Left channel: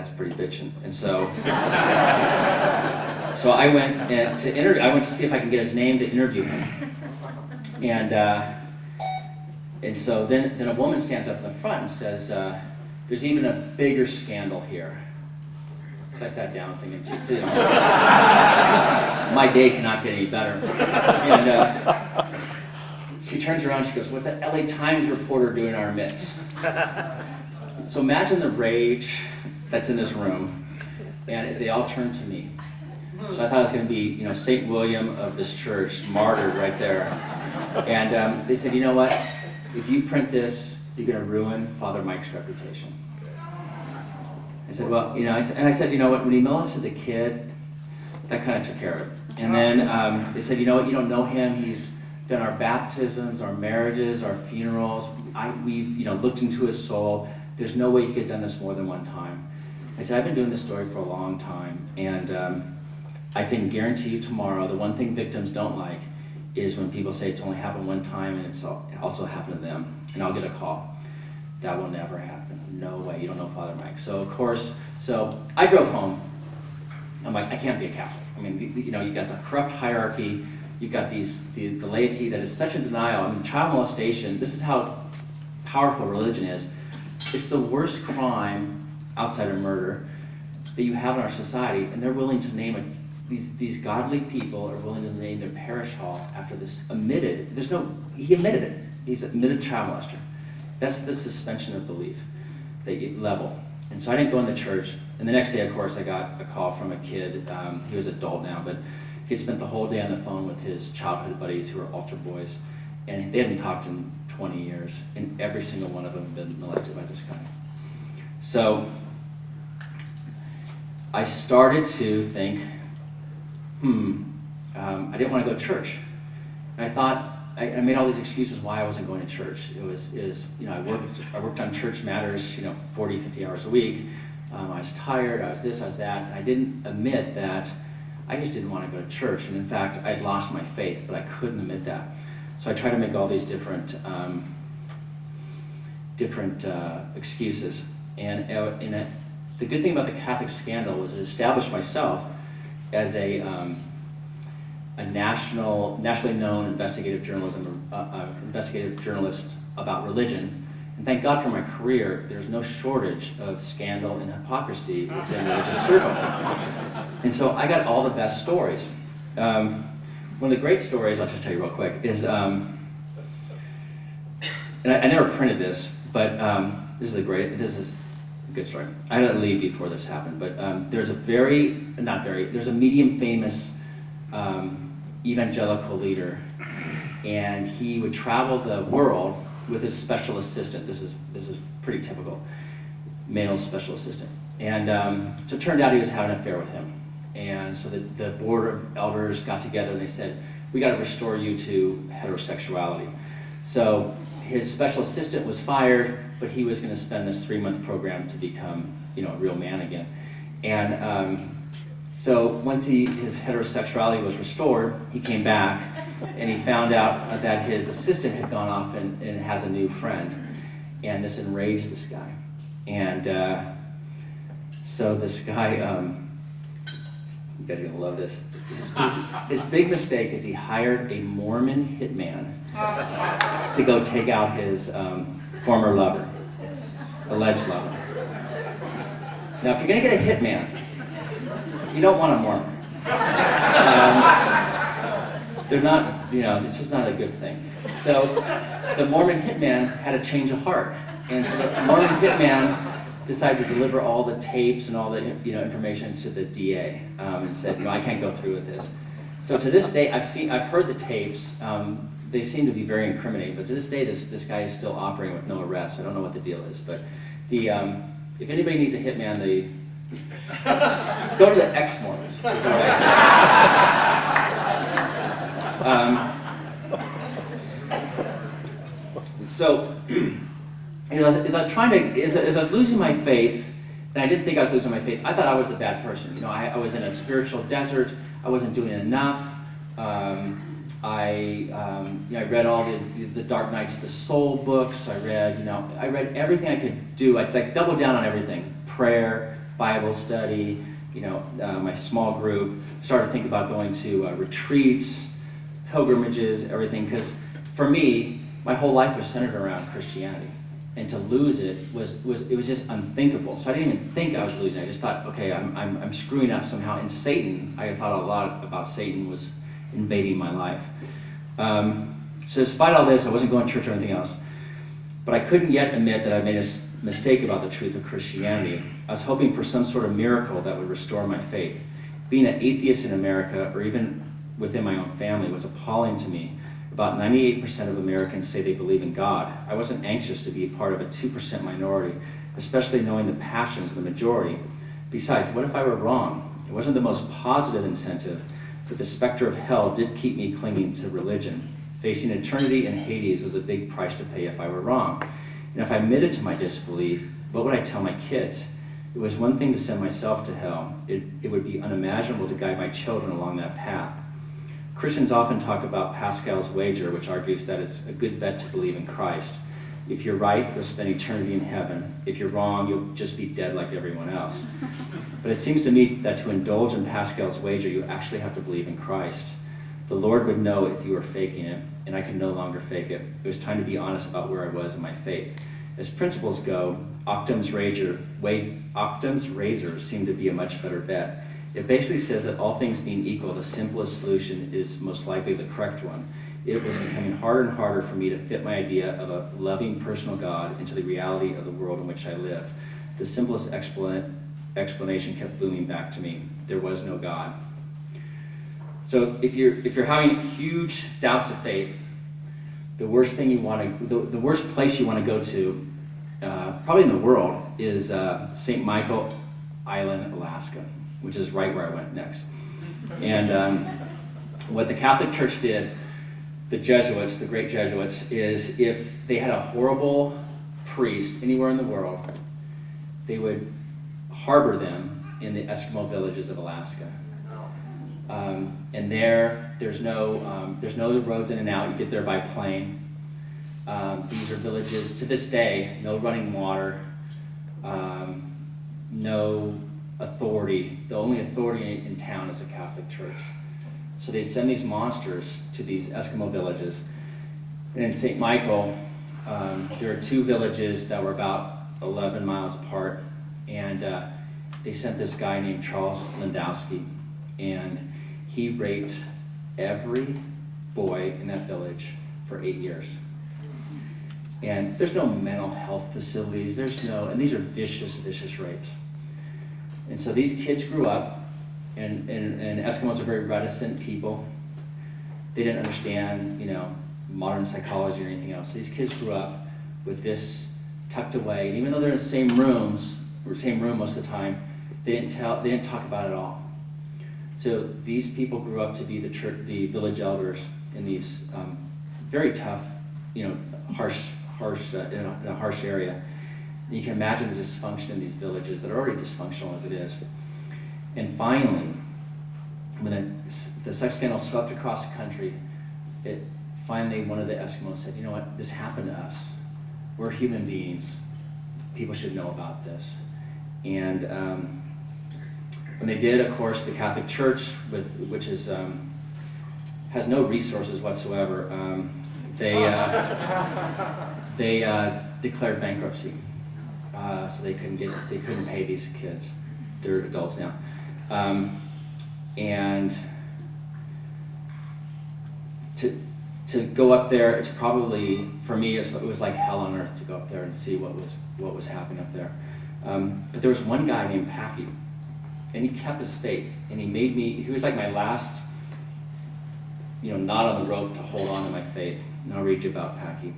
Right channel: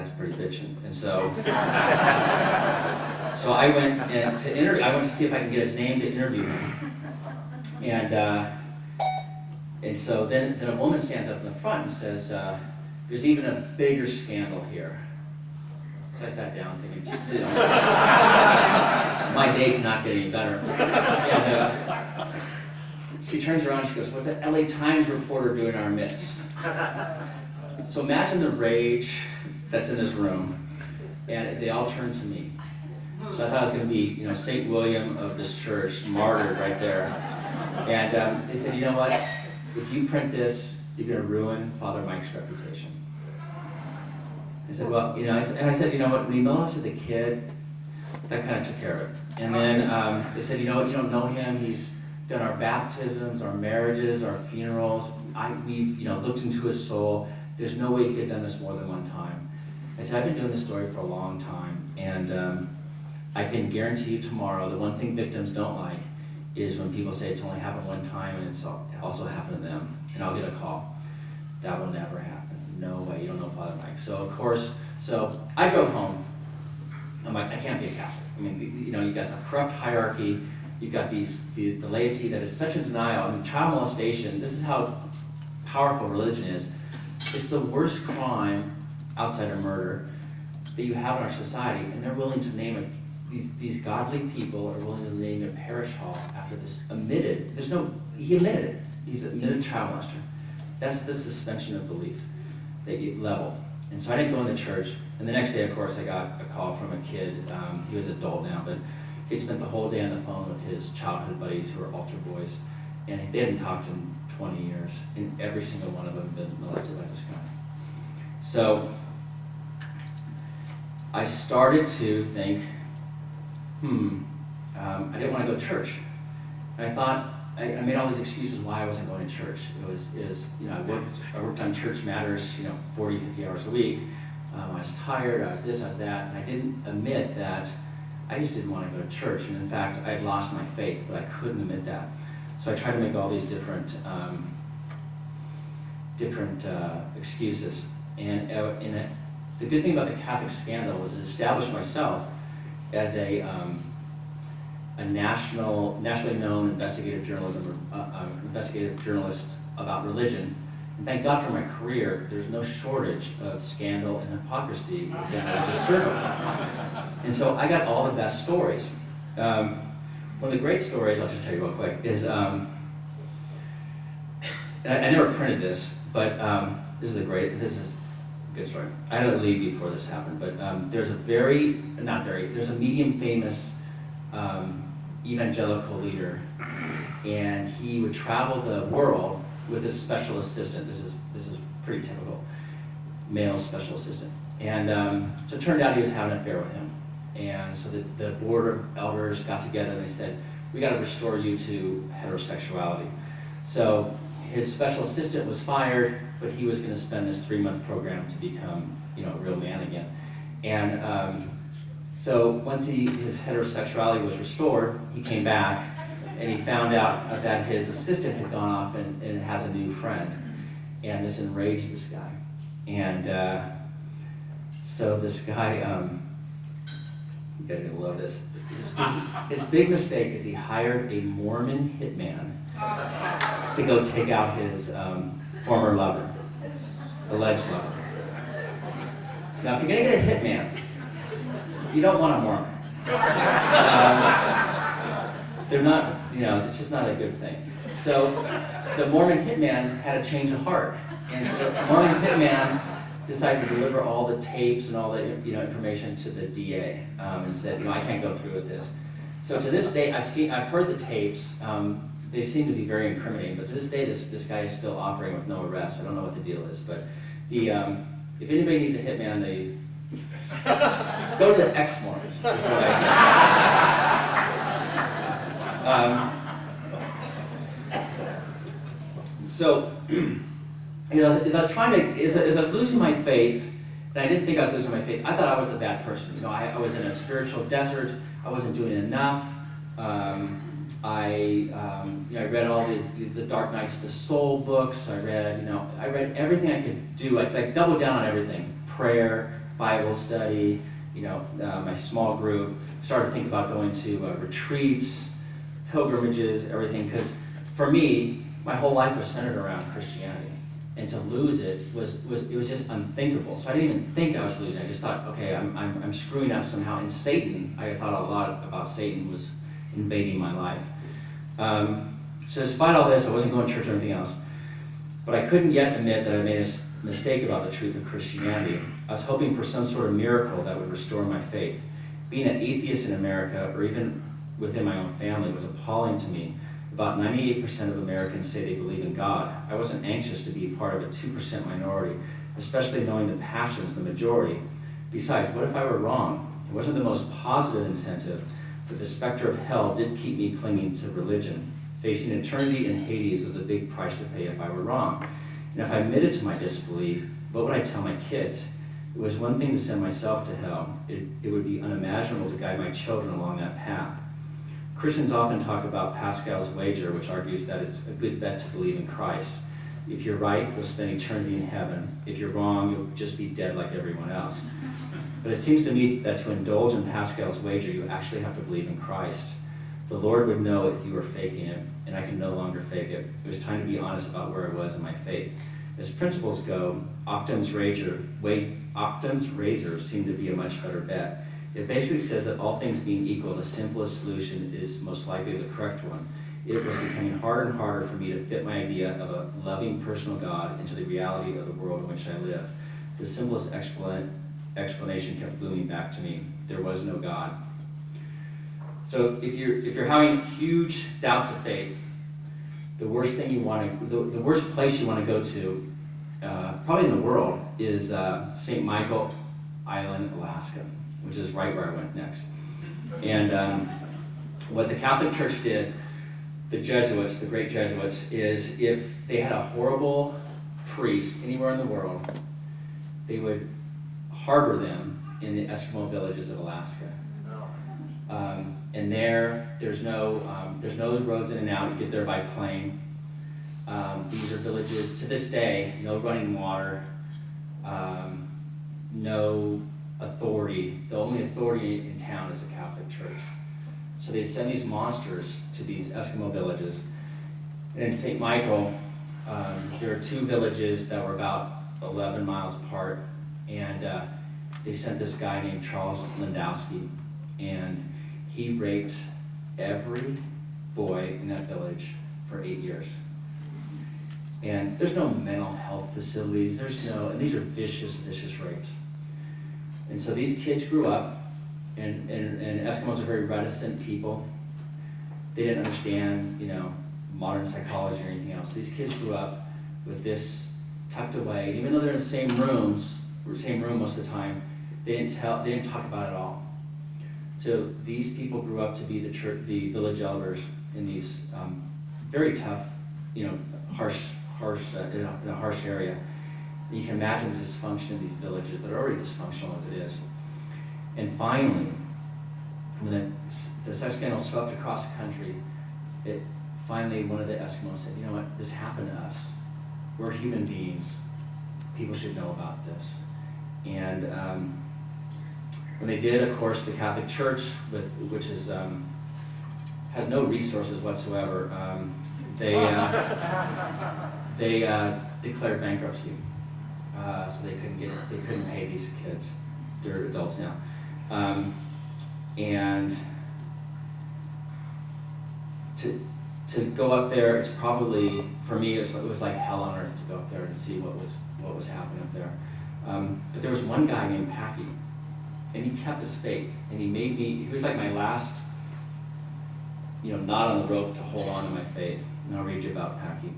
Dad's pretty bitchin'. And so, so I went to interview. I went to see if I could get his name to interview him. And so then a woman stands up in the front and says, "There's even a bigger scandal here." So I sat down thinking, you know, my day cannot get any better. And she turns around and she goes, "What's that LA Times reporter doing in our midst?" So imagine the rage that's in this room, and they all turned to me. So I thought it was going to be, you know, St. William of this church, martyred right there. And they said, "You know what? If you print this, you're going to ruin Father Mike's reputation." I said, "Well, you know," I said, "You know what? When he molested the kid, that kind of took care of it." And then they said, "You know what? You don't know him. He's done our baptisms, our marriages, our funerals. We've, you know, looked into his soul. There's no way he could have done this more than one time." I said, "I've been doing this story for a long time, and I can guarantee you tomorrow, the one thing victims don't like is when people say it's only happened one time and it also happened to them, and I'll get a call. That will never happen. No way, you don't know Father Mike." So of course, so I drove home. I'm like, I can't be a Catholic. I mean, you know, you got the corrupt hierarchy, you've got the laity that is such a denial. I mean, child molestation, this is how powerful religion is. It's the worst crime outside of murder that you have in our society, and they're willing to name it. These godly people are willing to name their parish hall after this admitted, he admitted it. He's admitted child molester. That's the suspension of belief that you level. And so I didn't go in the church. And the next day, of course, I got a call from a kid. He was an adult now, but he had spent the whole day on the phone with his childhood buddies who were altar boys. And they hadn't talked in 20 years. And every single one of them had been molested by this guy. So I started to think, I didn't want to go to church. And I thought, I made all these excuses why I wasn't going to church. You know, I worked on church matters, you know, 40, 50 hours a week. I was tired, I was this, I was that. And I didn't admit that I just didn't want to go to church. And in fact, I'd lost my faith, but I couldn't admit that. So I tried to make all these different excuses. And the good thing about the Catholic scandal was it established myself as a nationally known investigative journalist about religion. And thank God for my career, there's no shortage of scandal and hypocrisy within religious circles. And so I got all the best stories. One of the great stories, I'll just tell you real quick, is, and I never printed this, but this is a good story. I had to leave before this happened, but there's a there's a medium famous evangelical leader, and he would travel the world with his special assistant. This is pretty typical, male special assistant. And so it turned out he was having an affair with him. And so the board of elders got together and they said, "We got to restore you to heterosexuality." So his special assistant was fired, but he was going to spend this 3-month program to become, you know, a real man again. And so once his heterosexuality was restored, he came back and he found out that his assistant had gone off and has a new friend. And this enraged this guy. And so this guy, you guys are going to love this. His big mistake is he hired a Mormon hitman to go take out his former lover, alleged lover. Now, if you're going to get a hitman, you don't want a Mormon. They're not, you know, it's just not a good thing. So the Mormon hitman had a change of heart. And so the Mormon hitman decided to deliver all the tapes and all the, you know, information to the DA and said, you know, I can't go through with this. So to this day, I've heard the tapes. They seem to be very incriminating, but to this day, this guy is still operating with no arrest. I don't know what the deal is, but if anybody needs a hitman, go to the Exmormons. So, as I was losing my faith, and I didn't think I was losing my faith, I thought I was a bad person. You know, I was in a spiritual desert. I wasn't doing enough. I read all the Dark Nights of the Soul books. I read everything I could do. I doubled down on everything: prayer, Bible study, my small group. Started to think about going to retreats, pilgrimages, everything, because for me, my whole life was centered around Christianity. And to lose it was just unthinkable. So I didn't even think I was losing. I just thought, okay, I'm screwing up somehow. And Satan, I thought a lot about Satan was invading my life. So despite all this, I wasn't going to church or anything else. But I couldn't yet admit that I made a mistake about the truth of Christianity. I was hoping for some sort of miracle that would restore my faith. Being an atheist in America, or even within my own family, was appalling to me. About 98% of Americans say they believe in God. I wasn't anxious to be part of a 2% minority, especially knowing the passions, the majority. Besides, what if I were wrong? It wasn't the most positive incentive, but the specter of hell did keep me clinging to religion. Facing eternity in Hades was a big price to pay if I were wrong. And if I admitted to my disbelief, what would I tell my kids? It was one thing to send myself to hell. It would be unimaginable to guide my children along that path. Christians often talk about Pascal's wager, which argues that it's a good bet to believe in Christ. If you're right, you'll spend eternity in heaven. If you're wrong, you'll just be dead like everyone else. But it seems to me that to indulge in Pascal's wager, you actually have to believe in Christ. The Lord would know if you were faking it, and I could no longer fake it. It was time to be honest about where I was in my faith. As principles go, Occam's razor seemed to be a much better bet. It basically says that all things being equal, the simplest solution is most likely the correct one. It was becoming harder and harder for me to fit my idea of a loving personal God into the reality of the world in which I lived. The simplest explanation kept booming back to me. There was no God. So if you're having huge doubts of faith, the worst place you want to go to, probably in the world, is St. Michael Island, Alaska, which is right where I went next. And what the Catholic Church did, the Jesuits, the great Jesuits, is if they had a horrible priest anywhere in the world, they would harbor them in the Eskimo villages of Alaska. And there's no roads in and out. You get there by plane. These are villages, to this day, no running water, no authority. The only authority in town is the Catholic Church. So they send these monsters to these Eskimo villages. And in St. Michael, there are two villages that were about 11 miles apart. And they sent this guy named Charles Landowski. And he raped every boy in that village for 8 years. And there's no mental health facilities, and these are vicious, vicious rapes. And so these kids grew up, and Eskimos are very reticent people. They didn't understand, modern psychology or anything else. These kids grew up with this tucked away, and even though they're in the same room most of the time, they didn't talk about it at all. So these people grew up to be the village elders in these very tough, harsh in a harsh area. And you can imagine the dysfunction in these villages that are already dysfunctional as it is. And finally, when the sex scandal swept across the country, finally one of the Eskimos said, you know what, this happened to us. We're human beings. People should know about this. And when they did, of course, the Catholic Church, which has no resources whatsoever, they declared bankruptcy. So they couldn't pay these kids. They're adults now. And to go up there, it's probably, for me, it was like hell on earth to go up there and see what was happening up there. But there was one guy named Packy, and he kept his faith, and he was like my last, knot on the rope to hold on to my faith. And I'll read you about Packy.